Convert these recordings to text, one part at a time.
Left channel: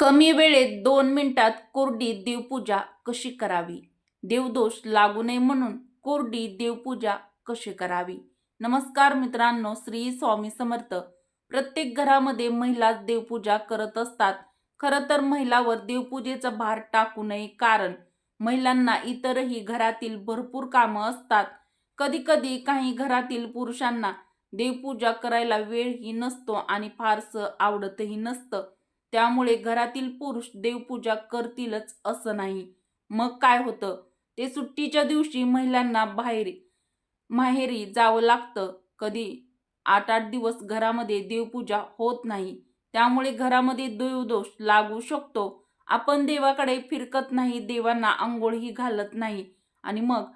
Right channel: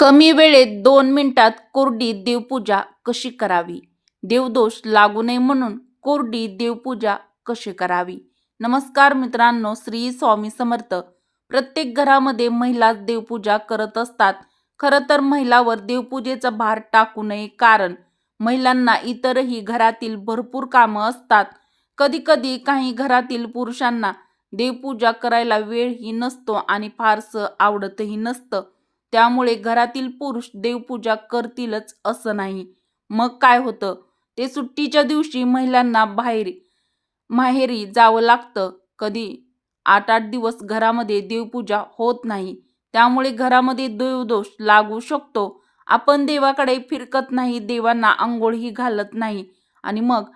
कमी वेळेत 2 मिनिटात कोरडी देवपूजा कशी करावी? देवदोष लागू नये म्हणून कोरडी देवपूजा कशी करावी? नमस्कार मित्रांनो, श्री स्वामी समर्थ. प्रत्येक घरामध्ये महिला देवपूजा करत असतात. खरं तर महिलावर देवपूजेचा भार टाकू नये, कारण महिलांना इतरही घरातील भरपूर कामं असतात. कधी-कधी काही घरातील पुरुषांना देवपूजा करायला वेळही नसतो आणि फारसं आवडतही नसतं. त्यामुळे घरातील पुरुष देवपूजा करतीलच असं नाही. मग काय होतं? ते सुट्टीच्या दिवशी महिलांना माहेरी जावं लागतं. कधी 8-8 दिवस घरामध्ये देवपूजा होत नाही. त्यामुळे घरामध्ये देवदोष लागू शकतो. आपण देवाकडे फिरकत नाही, देवांना अंघोळही घालत नाही आणि मग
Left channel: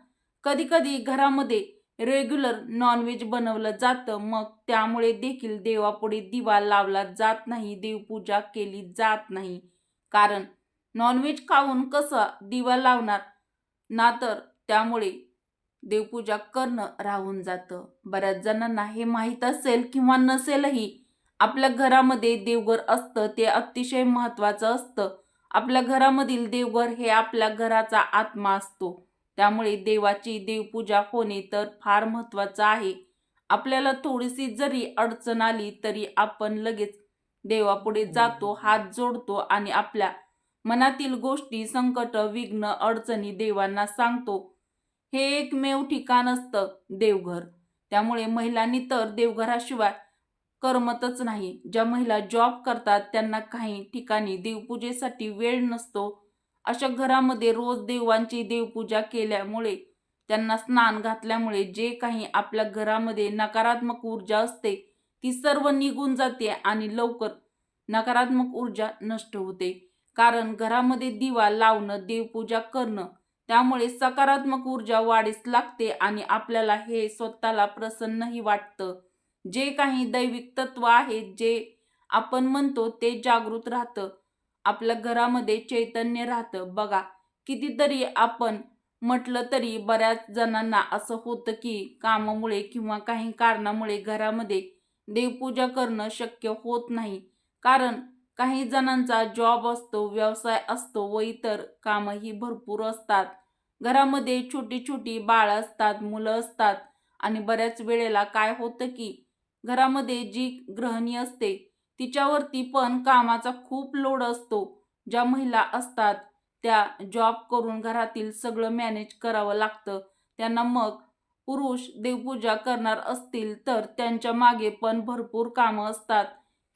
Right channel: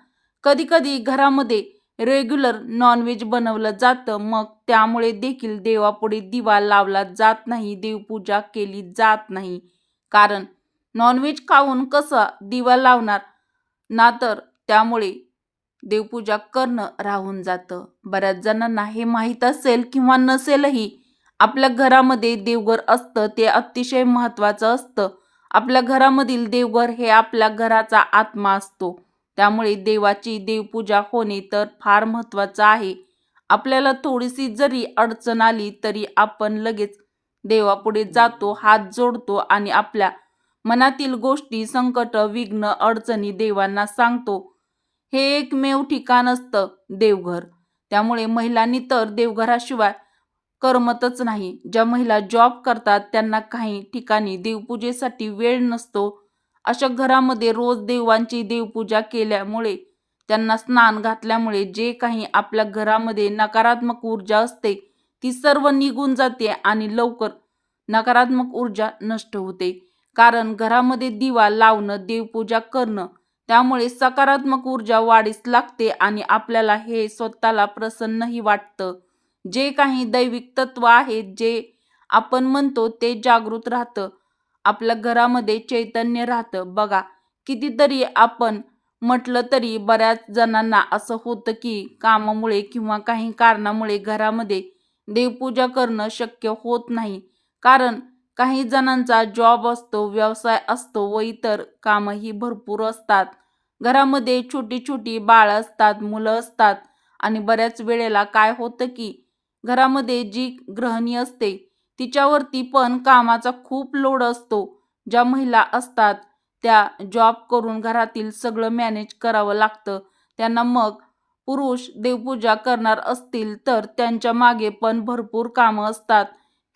कधी-कधी घरामध्ये रेग्युलर नॉनव्हेज बनवलं जातं. मग त्यामुळे देखील देवापुढे दिवा लावला जात नाही, देवपूजा केली जात नाही. कारण नॉनव्हेज खाऊन कसा दिवा लावणार ना, तर त्यामुळे देवपूजा करणं राहून जातं. बऱ्याच जणांना हे माहीत असेल किंवा नसेलही. आपल्या घरामध्ये देवघर असतं, ते अतिशय महत्त्वाचं असतं. आपल्या घरामधील देवघर हे आपल्या घराचा आत्मा असतो. त्यामुळे देवाची देवपूजा होणे तर फार महत्त्वाचं आहे. आपल्याला थोडीशी जरी अडचण आली तरी आपण लगेच देवापुढे जातो, हात जोडतो आणि आपल्या मनातील गोष्टी, संकट, विघ्न, अडचणी देवांना सांगतो. हे एकमेव ठिकाण असतं देवघर. त्यामुळे महिलांनी तर देवघराशिवाय करमतच नाही. ज्या महिला जॉब करतात त्यांना काही ठिकाणी देवपूजेसाठी वेळ नसतो. अशा घरामध्ये रोज देवांची देवपूजा केल्यामुळे, त्यांना स्नान घातल्यामुळे जे काही आपल्या घरामध्ये नकारात्मक ऊर्जा असते ती सर्व निघून जाते आणि लवकर नकारात्मक ऊर्जा नष्ट होते. कारण घरामध्ये दिवा लावणं, देवपूजा करणं, त्यामुळे सकारात्मक ऊर्जा वाढीस लागते आणि आपल्याला हे स्वतःला प्रसन्नही वाटतं. जे काही दैविक तत्व आहे, जे आपण म्हणतो ते जागृत राहतं. आपल्या घरामध्ये चैतन्य राहतं. बघा, कितीतरी आपण म्हटलं तरी बऱ्याच जणांना असं होतं की कामामुळे किंवा काही कारणामुळे घरामध्ये देवपूजा करणं शक्य होत नाही. कारण काही जणांचा जॉब असतो, व्यवसाय असतो व इतर कामंही भरपूर असतात. घरामध्ये छोटी-छोटी बाळं असतात, मुलं असतात आणि बऱ्याच वेळेला काय होतं की घरामध्ये जी गृहिणी असते तिच्यावरती पण कामाचा खूप लोड असतो. ज्या महिला असतात त्या जॉब करून घरातील सगळं मॅनेज करावं लागतं. त्यांना मग पुरुष देवपूजा करणार असतील तर त्यांच्या मागे पण भरपूर कामं असतात.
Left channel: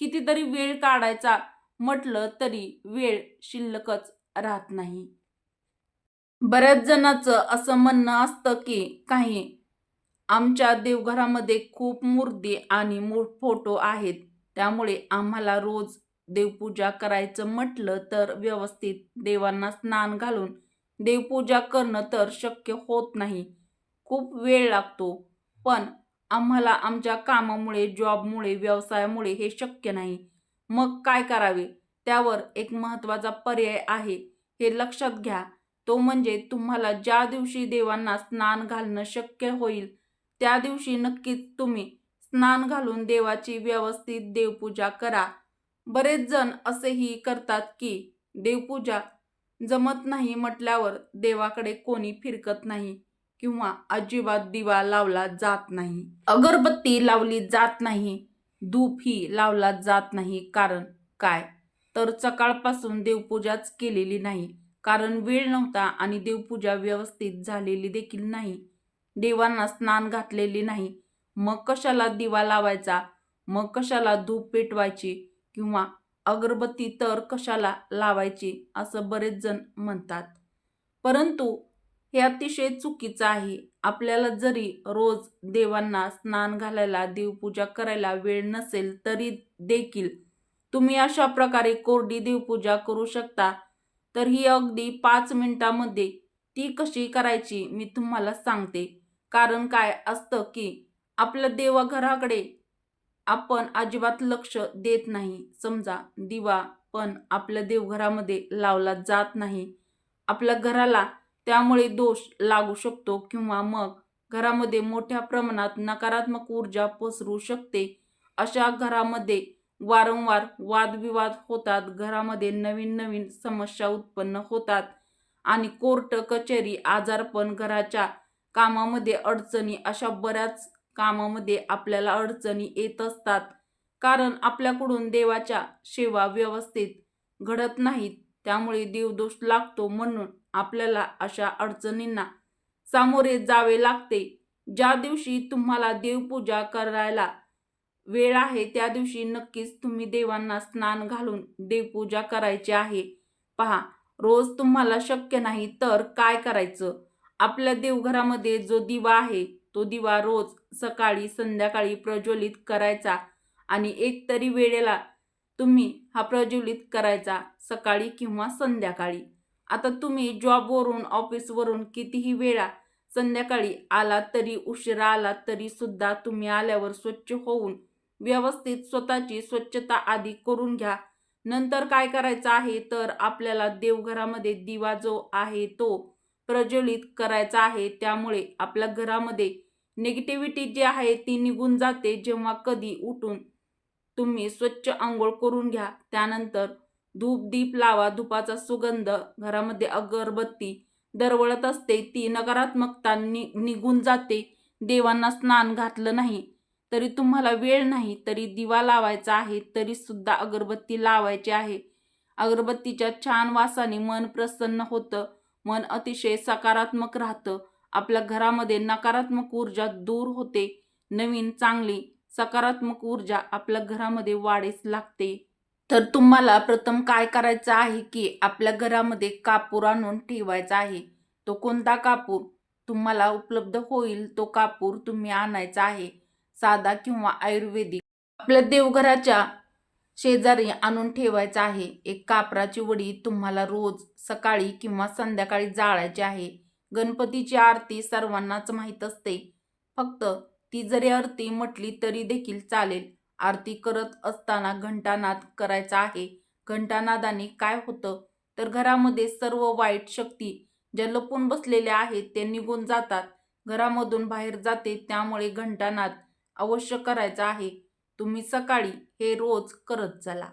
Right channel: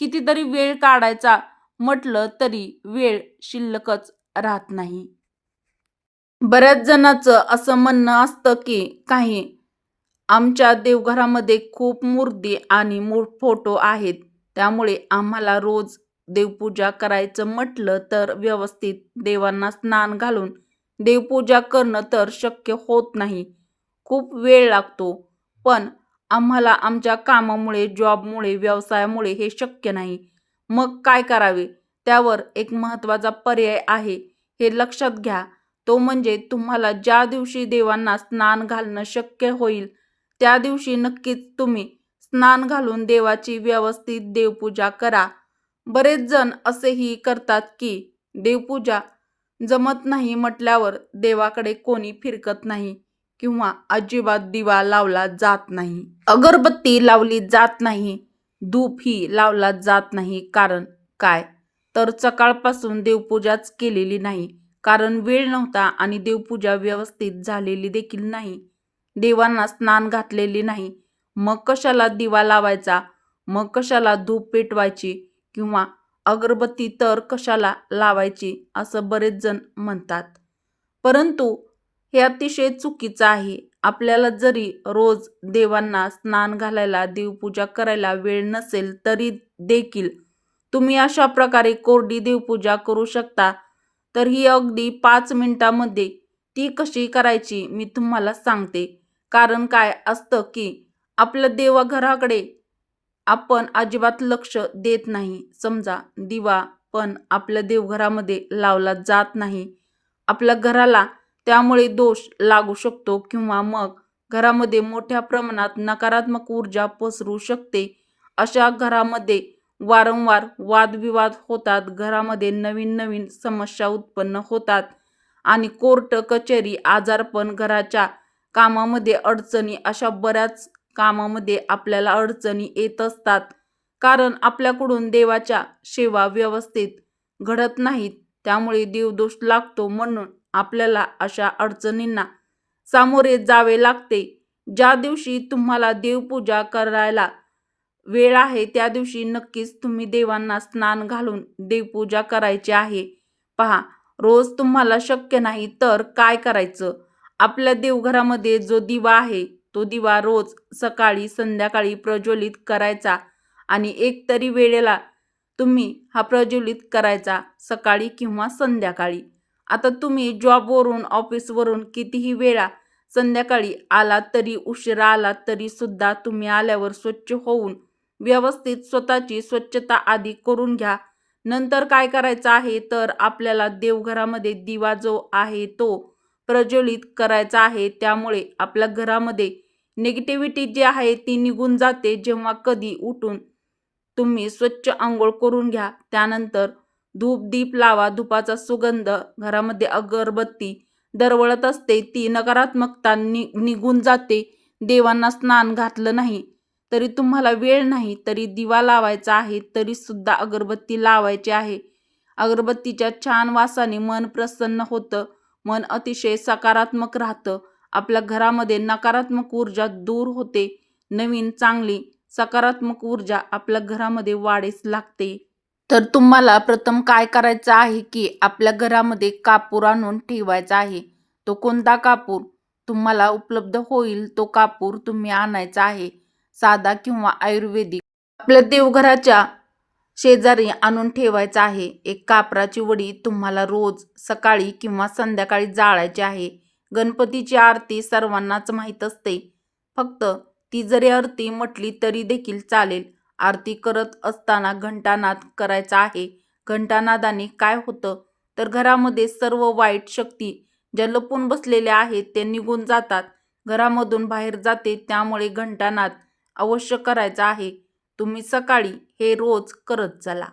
कितीतरी वेळ काढायचा म्हटलं तरी वेळ शिल्लकच राहत नाही. बऱ्याच जणांचं असं म्हणणं असतं की काही आमच्या देवघरामध्ये खूप मूर्ती आणि फोटो आहेत. त्यामुळे आम्हाला रोज देवपूजा करायचं म्हटलं तर व्यवस्थित देवांना स्नान घालून देवपूजा करणं तर शक्य होत नाही. खूप वेळ लागतो. पण आम्हाला आमच्या कामामुळे, जॉबमुळे, व्यवसायामुळे हे शक्य नाही. मग काय करावे? त्यावर एक महत्त्वाचा पर्याय आहे. हे लक्षात घ्या. तो म्हणजे तुम्हाला ज्या दिवशी देवांना स्नान घालणं शक्य होईल त्या दिवशी नक्कीच तुम्ही स्नान घालून देवाची व्यवस्थित देवपूजा करा. बरेच जण असेही करतात की देवपूजा जमत नाही म्हटल्यावर देवाकडे कोणी फिरकत नाही किंवा अजिबात दिवा लावला जात नाही, अगरबत्ती लावली जात नाही, धूपही लावला जात नाही. कारण काय? तर सकाळपासून देवपूजाच केलेली नाही. कारण वेळ नव्हता आणि देवपूजा व्यवस्थित झालेली देखील नाही. देवांना स्नान घातलेली नाही. मग कशाला दिवा लावायचा? मग कशाला धूप पेटवायची किंवा अगरबत्ती तर कशाला लावायची, असं बरेच जण म्हणतात. परंतु हे अतिशय चुकीचं आहे. आपल्याला जरी रोज देवांना स्नान घालायला, देवपूजा करायला वेळ नसेल तरी देखील तुम्ही अशा प्रकारे कोरडी देवपूजा करू शकता. तर ही अगदी 5 मिनिटांमध्ये ती कशी करायची मी तुम्हाला सांगते. कारण काय असतं की आपल्या देवघराकडे आपण अजिबात लक्ष देत नाही. समजा दिवा पण आपल्या देवघरामध्ये लावला जात नाही. आपल्या घराला त्यामुळे दोष लागू शकतो किंवा मग घरामध्ये मोठ्या प्रमाणात नकारात्मक ऊर्जा पसरू शकते. अशा घरामध्ये वारंवार वादविवाद होतात, घरामध्ये नवीन नवीन समस्या उत्पन्न होतात आणि कोर्ट कचेरी, आजारपण, घराच्या कामामध्ये अडचणी, अशा बऱ्याच कामामध्ये आपल्याला अडचणी येत असतात. कारण आपल्याकडून देवाच्या सेवा व्यवस्थित घडत नाहीत. त्यामुळे देवदोष लागतो. म्हणून आपल्याला अशा अडचणींना सामोरे जावे लागते. ज्या दिवशी तुम्हाला देवपूजा करायला वेळ आहे त्या दिवशी नक्कीच तुम्ही देवांना स्नान घालून देवपूजा करायची आहे. पहा, रोज तुम्हाला शक्य नाही तर काय करायचं? आपल्या देवघरामध्ये जो दिवा आहे तो दिवा रोज सकाळी संध्याकाळी प्रज्वलित करायचा आणि एक तरी वेळेला तुम्ही हा प्रज्वलित करायचा, सकाळी किंवा संध्याकाळी. आता तुम्ही जॉबवरून, ऑफिसवरून कितीही वेळा संध्याकाळी आलात तरी, उशिरा आलात तरी सुद्धा तुम्ही आल्यावर स्वच्छ होऊन व्यवस्थित स्वतःची स्वच्छता आधी करून घ्या. नंतर काय करायचं आहे तर आपल्याला देवघरामध्ये दिवा जो आहे तो प्रज्वलित करायचा आहे. त्यामुळे आपल्या घरामध्ये निगेटिव्हिटी जी आहे ती निघून जाते. जेव्हा कधी उठून तुम्ही स्वच्छ अंघोळ करून घ्या. त्यानंतर धूप दीप लावा. धुपाचा सुगंध, घरामध्ये अगरबत्ती दरवळत असते, ती नकारात्मकता निघून जाते. देवांना स्नान घातलं नाही तरी, तुम्हाला वेळ नाही तरी दिवा लावायचा आहे, तरी सुद्धा अगरबत्ती लावायची आहे. अगरबत्तीच्या छान वासाने मन प्रसन्न होतं, मन अतिशय सकारात्मक राहतं. आपल्या घरामध्ये नकारात्मक ऊर्जा दूर होते. नवीन चांगली सकारात्मक ऊर्जा आपल्या घरामध्ये वाढीस लागते. तर तुम्हाला प्रथम काय करायचं आहे की आपल्या घरामध्ये कापूर आणून ठेवायचा आहे. तो कोणता कापूर तुम्हाला उपलब्ध होईल तो कापूर तुम्ही आणायचा आहे, साधा किंवा आयुर्वेदिक. आपल्या देवघराच्या शेजारी आणून ठेवायचा आहे. एक कापराची वडी तुम्हाला रोज सकाळी किंवा संध्याकाळी जाळायची आहे. गणपतीची आरती सर्वांनाच माहीत असते. फक्त ती जरी आरती म्हटली तरी देखील चालेल. आरती करत असताना घंटानाद करायचा आहे. घंटानादाने काय होतं तर घरामध्ये सर्व वाईट शक्ती ज्या लपून बसलेल्या आहेत ते निघून जातात, घरामधून बाहेर जाते. त्यामुळे घंटानाद अवश्य करायचा आहे. तुम्ही सकाळी हे रोज करत चला.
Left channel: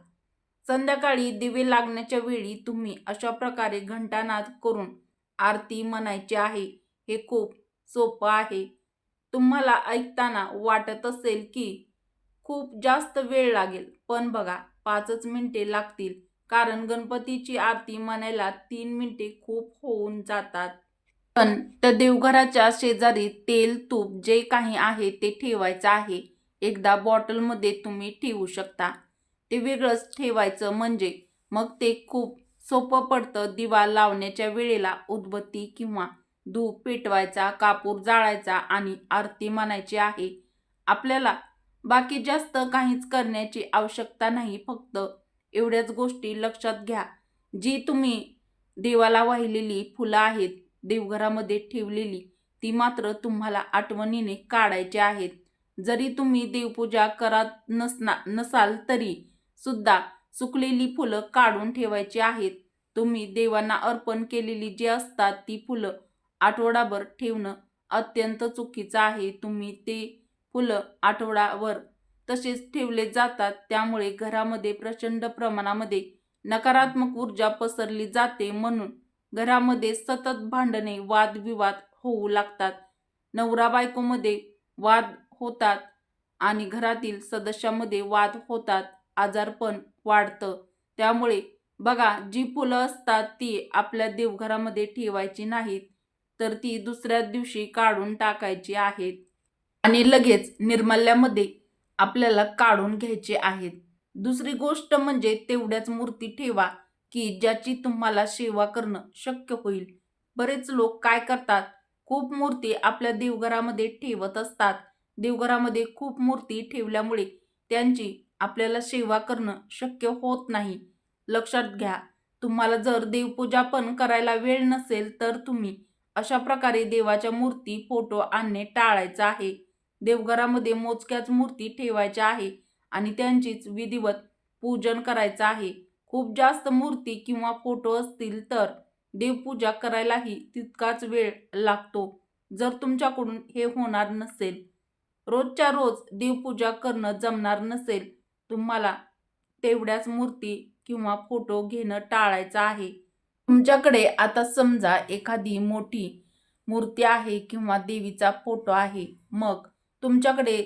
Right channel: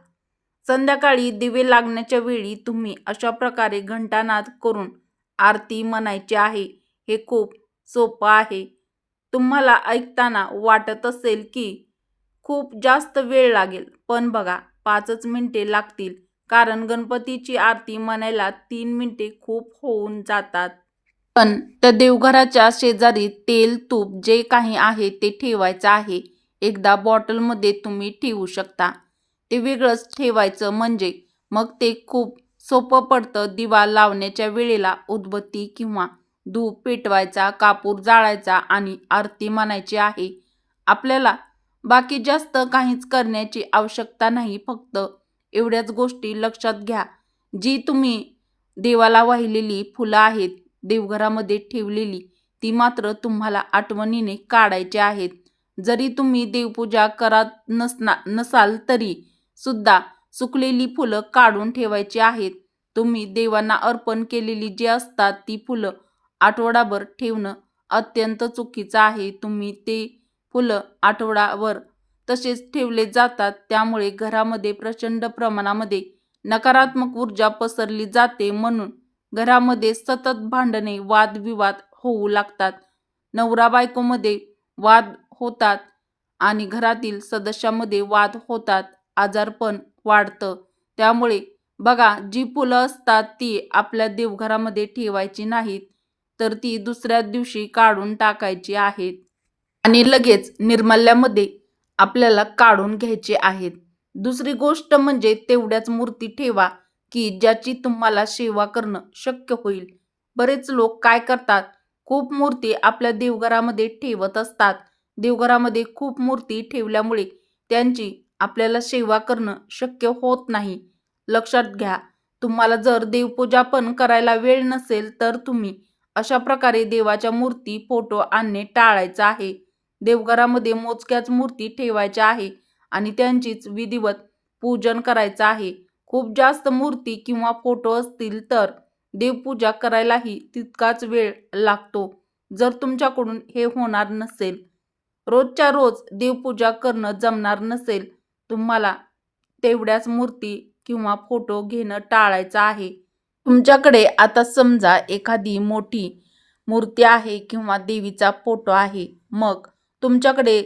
संध्याकाळी दिवे लागण्याच्या वेळी तुम्ही अशा प्रकारे घंटानाद करून आरती म्हणायची आहे. हे खूप सोपं आहे. तुम्हाला ऐकताना वाटत असेल की खूप जास्त वेळ लागेल, पण बघा 5च मिनिटे लागतील. कारण गणपतीची आरती म्हणायला 3 मिनिटे खूप होऊन जातात. पण त्या देवघराच्या शेजारी तेल, तूप जे काही आहे ते ठेवायचं आहे. एकदा बॉटलमध्ये तुम्ही ठेवू शकता. ते वेगळंच ठेवायचं, म्हणजे मग ते खूप सोपं पडतं. दिवा लावण्याच्या वेळेला उदबत्ती किंवा धूप पेटवायचा, कापूर जाळायचा आणि आरती म्हणायची आहे. आपल्याला बाकी जास्त काहीच करण्याची आवश्यकता नाही. फक्त एवढ्याच गोष्टी लक्षात घ्या. जी तुम्ही देवाला वाहिलेली फुलं आहेत देवघरामध्ये ठेवलेली, ती मात्र तुम्हाला आठवणीने काढायची आहेत. जरी तुम्ही देवपूजा करत नसाल तरी सुद्धा सुकलेली फुलं काढून ठेवायची आहेत. तुम्ही देवांना अर्पण केलेली जी असतात ती फुलं आठवडाभर ठेवणं अत्यंत चुकीचं आहे. तुम्ही ते फुलं आठवडाभर तसेच ठेवले जातात. त्यामुळे घरामध्ये प्रचंड प्रमाणामध्ये नकारात्मक ऊर्जा पसरली जाते. म्हणून घरामध्ये सतत भांडणे, वादविवाद होऊ लागतात. नवरा बायकोमध्ये वाद होतात आणि घरातील सदस्यामध्ये वाद होतात. आजारपण वाढतं. त्यामुळे बघा, जी फुलं असतात ती आपल्या देवघरामध्ये ठेवायची नाहीत, तर ती दुसऱ्या दिवशी काढून टाकायची आहेत आणि लगेच निर्माल्यामध्ये आपल्याला काढून घ्यायचे आहेत. दुसरी गोष्ट म्हणजे तेवढ्याच मूर्ती ठेवा की ज्याची तुम्हाला सेवा करणं शक्य होईल. बरेच लोक काय करतात, खूप मूर्ती आपल्या देवघरामध्ये ठेवत असतात. देवघरामध्ये खूप मूर्ती ठेवल्यामुळे त्यांची आपल्याला सेवा करणं शक्य होत नाही. लक्षात घ्या, तुम्हाला जर देवपूजा पण करायला वेळ नसेल तर तुम्ही अशा प्रकारे देवाच्या मूर्ती, फोटो आणणे टाळायचं आहे. देवघरामध्ये मोजक्याच मूर्ती ठेवायच्या आहे आणि त्यांचीच विधिवत पूजन करायचं आहे. खूप जास्त मूर्ती किंवा फोटो असतील तर देवपूजा करायलाही तितकाच वेळ लागतो. जर तुमच्याकडून हे होणार नसेल, रोजच्या रोज देवपूजा करणं जमणार नसेल, तुम्हाला तेवढ्याच मूर्ती किंवा फोटो घेणं टाळायचं आहे. तुमच्याकडे आता समजा एखादी मोठी मूर्ती आहे किंवा देवीचा फोटो आहे, मग तुमच्याकडे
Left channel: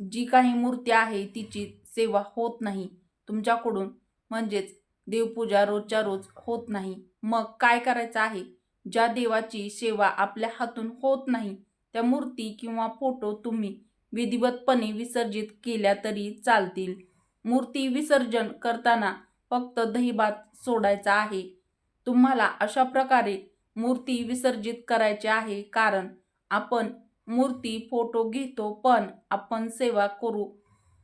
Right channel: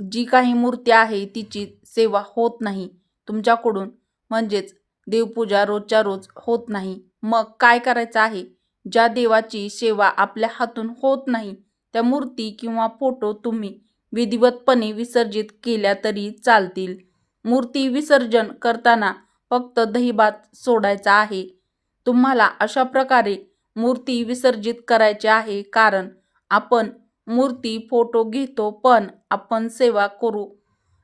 जी काही मूर्ती आहे तिची सेवा होत नाही तुमच्याकडून, म्हणजेच देवपूजा रोजच्या रोज होत नाही. मग काय करायचं आहे? ज्या देवाची सेवा आपल्या हातून होत नाही त्या मूर्ती किंवा फोटो तुम्ही विधिवतपणे विसर्जित केल्या तरी चालतील. मूर्ती विसर्जन करताना फक्त दहीभात सोडायचा आहे. तुम्हाला अशा प्रकारे मूर्ती विसर्जित करायची आहे, कारण आपण मूर्ती फोटो घेतो पण आपण सेवा करू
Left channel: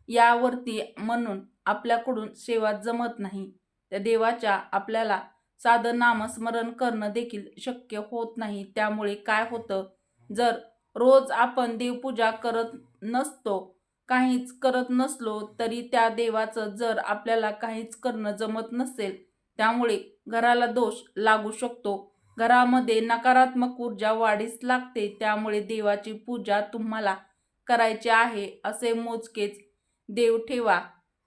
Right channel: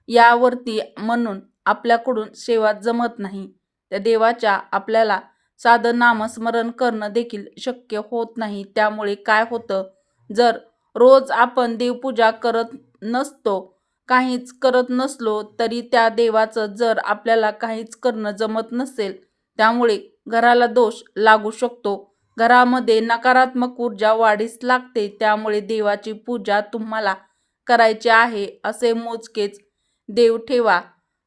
यावरती, म्हणून आपल्याकडून सेवा जमत नाही. त्या देवाच्या आपल्याला साधं नामस्मरण करणं देखील शक्य होत नाही. त्यामुळे काय होतं, जर रोज आपण देवपूजा करत नसतो, काहीच करत नसलो तरी त्या देवाचं जर आपल्याला काहीच करणं जमत नसेल, त्यामुळे घराला दोष लागू शकतो. घरामध्ये नकारात्मक ऊर्जा वाढीस लागते. त्यामुळे देवाची पूजा तुम्हाला करायची आहे असे मोजकेच देव ठेवा.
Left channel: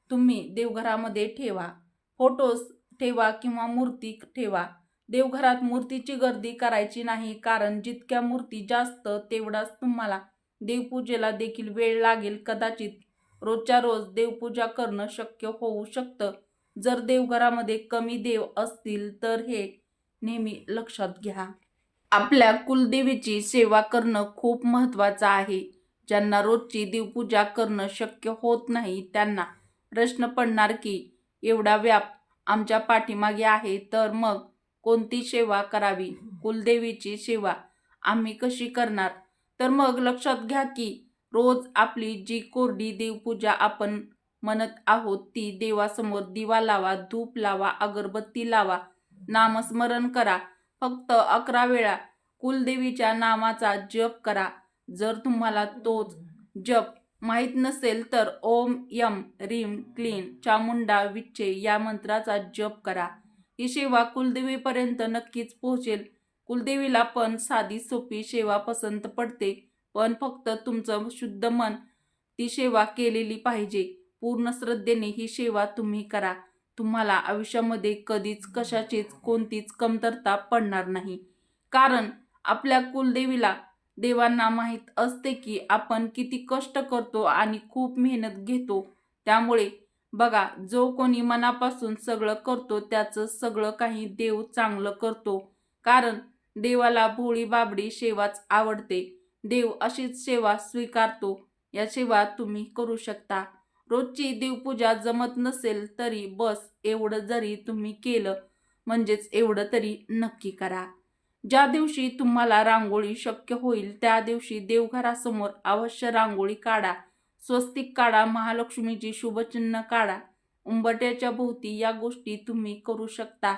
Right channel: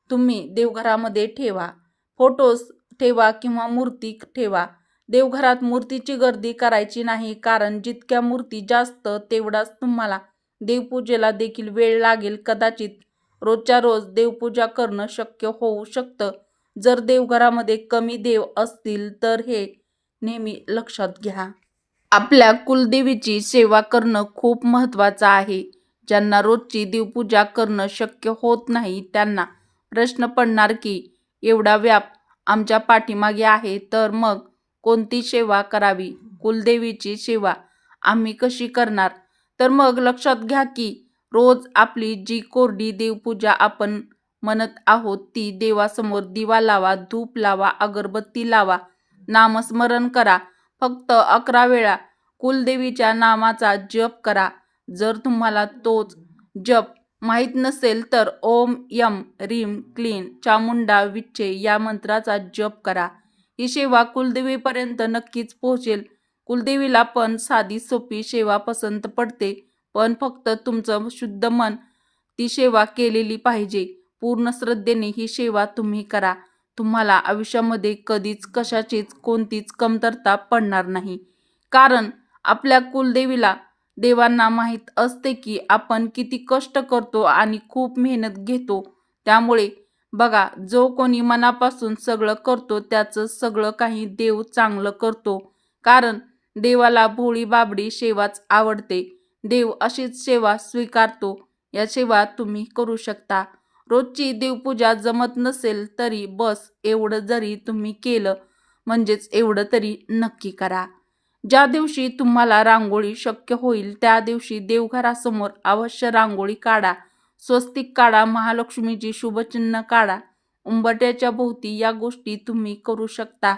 तुम्ही देवघरामध्ये ठेवा, फोटोज ठेवा किंवा मूर्ती ठेवा. देवघरात मूर्तीची गर्दी करायची नाही, कारण जितक्या मूर्ती जास्त तेवढाच तुम्हाला देवपूजेला देखील वेळ लागेल. कदाचित रोजच्या रोज देवपूजा करणं शक्य होऊ शकतं. जर देवघरामध्ये कमी देव असतील तर हे नेहमी लक्षात घ्या. आपल्या कुलदेवीची सेवा करणं खूप महत्त्वाचं आहे. ज्यांना रोजची देवपूजा करणं शक्य होत नाही त्यांना प्रश्न पडणार की एवढा व्याप आमच्या पाठीमागे आहे, तर मग कोणती सेवा करावी? कुलदेवीची सेवा आम्ही कशी करणार? तर मग लक्षात घ्या की रोज आपली जी कोरडी देवपूजा आपण म्हणत आहोत ती देवासमोर दिवा लावा, धूप लावा, अगरबत्ती लावा, नामस्मरण करा. फक्त 11 वेळा कुलदेवीच्या नामाचा जप करा. जर तुम्हाला तोच जप माहीत नसेल तर ओम यम रीम क्लीन चामुंडा विच्चे या मंत्राचा जप करा. ही सेवा कुलदेवीपर्यंत नक्कीच पोहोचेल. कुलदेवीला पण साधी सोपी सेवा पसंत पडते, पण फक्त तुमचं शुद्ध मन ती सेवा केलेली पाहिजे. पूर्ण श्रद्धेने ही सेवा तुम्ही करा. तुम्हाला आयुष्यामध्ये कधीच कशाचीच कोणतीच कमतरता पडणार नाही. कारण आपल्या कुलदेवीला देवांना माहीत असते की आपण किती कष्ट करतो आणि खूप मेहनत घेतो. त्यामुळे बघा, जो कोणी मनापासून सगळं करतो त्याचं सगळं काही देव चांगलं करतो. कारण देवाला भोळी बाबडी सेवाच आवडते. देव अशीच सेवा स्वीकारतो. या सेवा तुम्ही करू शकता. रोजची देवपूजा जमत नसेल तरी बस एवढं जरी तुम्ही केलं, म्हणजेच एवढं तरी नक्की करा. ज्या दिवशी तुम्हाला रांगोळी शक्य होईल त्या दिवशी देवघरासमोर अवश्य रांगोळी काढा. स्वस्तिक काढा, महालक्ष्मीची शुभचिन्ह काढा. उंबरठ्याच्या भोवती या गोष्टी तुम्ही करू शकता.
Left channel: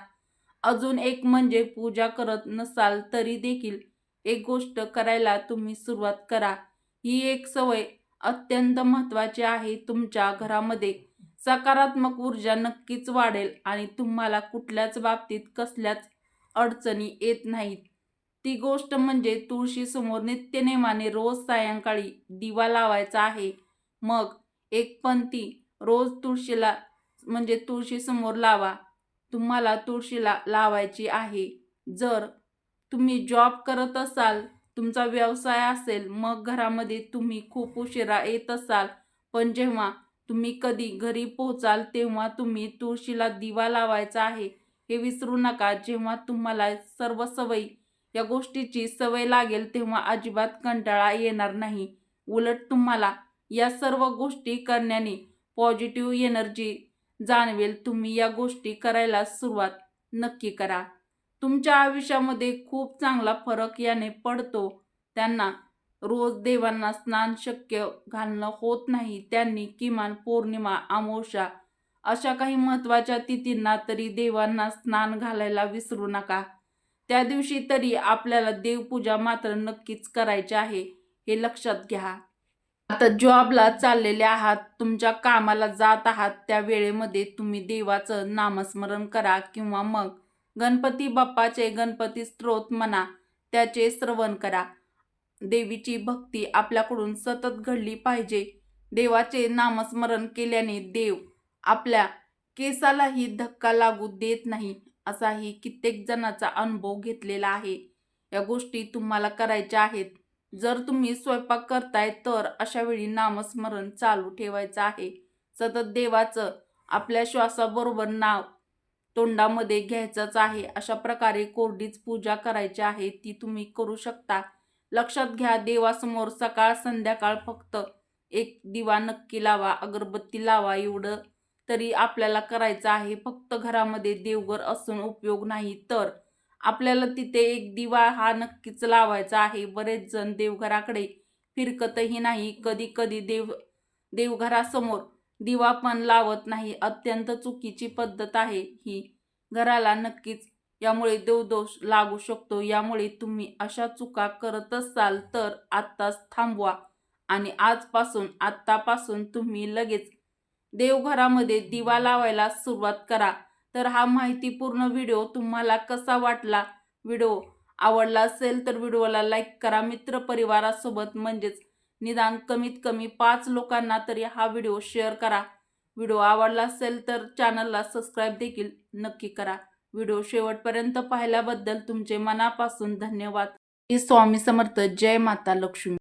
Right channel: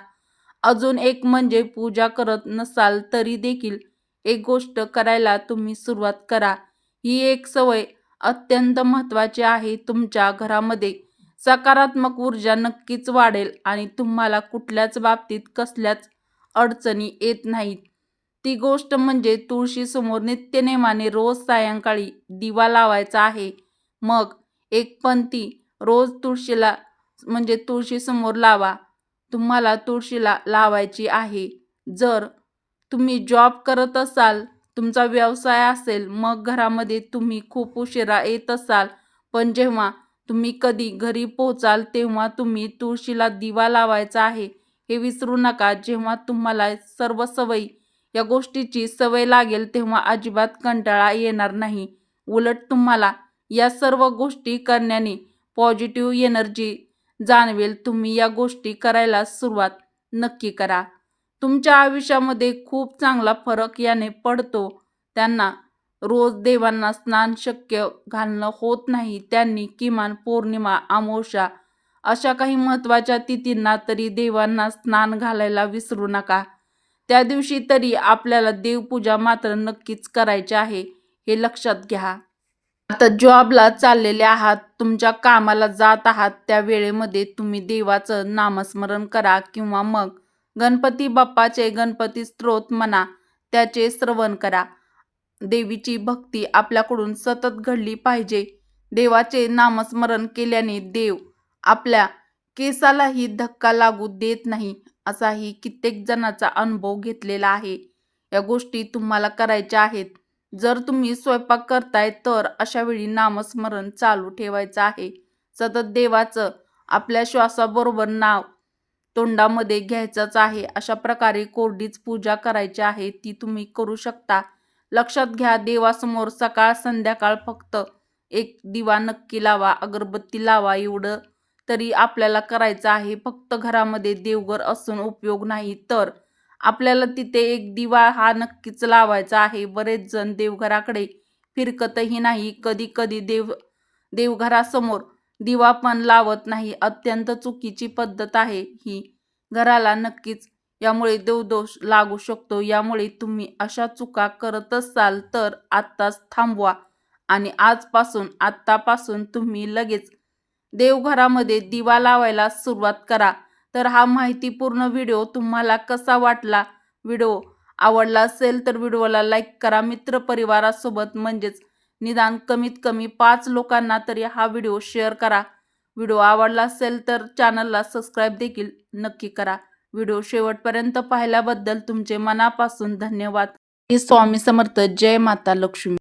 अजून एक म्हणजे पूजा करत नसाल तरी देखील एक गोष्ट करायला तुम्ही सुरुवात करा. ही एक सवय अत्यंत महत्त्वाची आहे. तुमच्या घरामध्ये सकारात्मक ऊर्जा नक्कीच वाढेल आणि तुम्हाला कुठल्याच बाबतीत कसल्याच अडचणी येत नाहीत. ती गोष्ट म्हणजे तुळशीसमोर नित्यनेमाने रोज सायंकाळी दिवा लावायचा आहे. मग एक पंथी रोज तुळशीला म्हणजे तुळशीसमोर लावा. तुम्हाला तुळशीला लावायची आहे. जर तुम्ही जॉब करत असाल, तुमचा व्यवसाय असेल, मग घरामध्ये तुम्ही खूप उशिरा येत असाल, पण जेव्हा तुम्ही कधी घरी पोहोचाल तेव्हा तुम्ही तुळशीला दिवा लावायचा आहे हे विसरू नका. जेव्हा तुम्हाला सर्व सवयी या गोष्टीची सवय लागेल तेव्हा अजिबात कंटाळा येणार नाही. उलट तुम्हाला या सर्व गोष्टी करण्याने पॉझिटिव्ह एनर्जी जाणवेल. तुम्ही या गोष्टी करायला सुरुवात नक्की करा. तुमच्या आयुष्यामध्ये खूप चांगला फरक याने पडतो. त्यांना रोज देवांना स्नान शक्य घालणं होत नाही, त्यांनी किमान पौर्णिमा, अमावस्या अशा काही महत्त्वाच्या तिथींना तरी देवांना स्नान घालायला विसरू नका. त्या दिवशी तरी आपल्याला देवपूजा मात्र नक्कीच करायची आहे, हे लक्षात घ्या. आता जॉबला चाललेले आहात, तुमच्या कामाला जात आहात, त्या वेळेमध्ये तुम्ही देवाचं नामस्मरण करा किंवा मग गणपती बाप्पाचे गणपती स्तोत्र म्हणा, त्याचे श्रवण करा. देवीची भक्ती आपल्याकडून सतत घडली पाहिजे. देवाचे नामस्मरण केल्याने देव आपल्या केसालाही धक्का लागू देत नाही असाही कित्येक जणांचा अनुभव घेतलेला आहे. या गोष्टी तुम्हाला करायच्या आहेत. जर तुम्ही स्वयंपाक करताय तर अशा वेळी नामस्मरण चालू ठेवायचं आहे. सतत देवाचं आपल्या श्वासाबरोबर नाव तोंडामध्ये घ्यायचंच आहे. अशा प्रकारे कोरडीच पूजा करायची आहे, ती तुम्ही करू शकता. लक्षात घ्या, देवासमोर सकाळ संध्याकाळ फक्त एक दिवा नक्की लावा, अगरबत्ती लावा, एवढं तरी आपल्याला करायचं आहे. फक्त घरामध्ये देवघर असून उपयोग नाही, तर आपल्याला तिथे एक दिवा हा नक्कीच लावायचा आहे. बरेच जण देवघराकडे फिरकतही नाही. कधी कधी देवघरासमोर दिवा पण लावत नाही. अत्यंत चुकीची पद्धत आहे ही. घराला नक्कीच यामुळे देवदोष लागू शकतो. यामुळे तुम्ही अशा चुका करत असाल तर आत्ताच थांबवा आणि आत्तापासून तुम्ही लगेच देवघरामध्ये दिवा लावायला सुरुवात करा. तर हा माहितीपूर्ण व्हिडिओ तुम्हाला कसा वाटला? व्हिडिओ आवडला असेल तर व्हिडिओला लाईक करा. मित्रपरिवारासोबत म्हणजेच निदान कमीत कमी 5 लोकांना तरी हा व्हिडिओ शेअर करा. व्हिडिओ आवडला असेल तर चॅनलला सबस्क्राईब देखील नक्की करा. व्हिडिओ शेवटपर्यंत पाहिल्याबद्दल तुमचे मनापासून धन्यवाद. श्री स्वामी समर्थ. जय माता लक्ष्मी.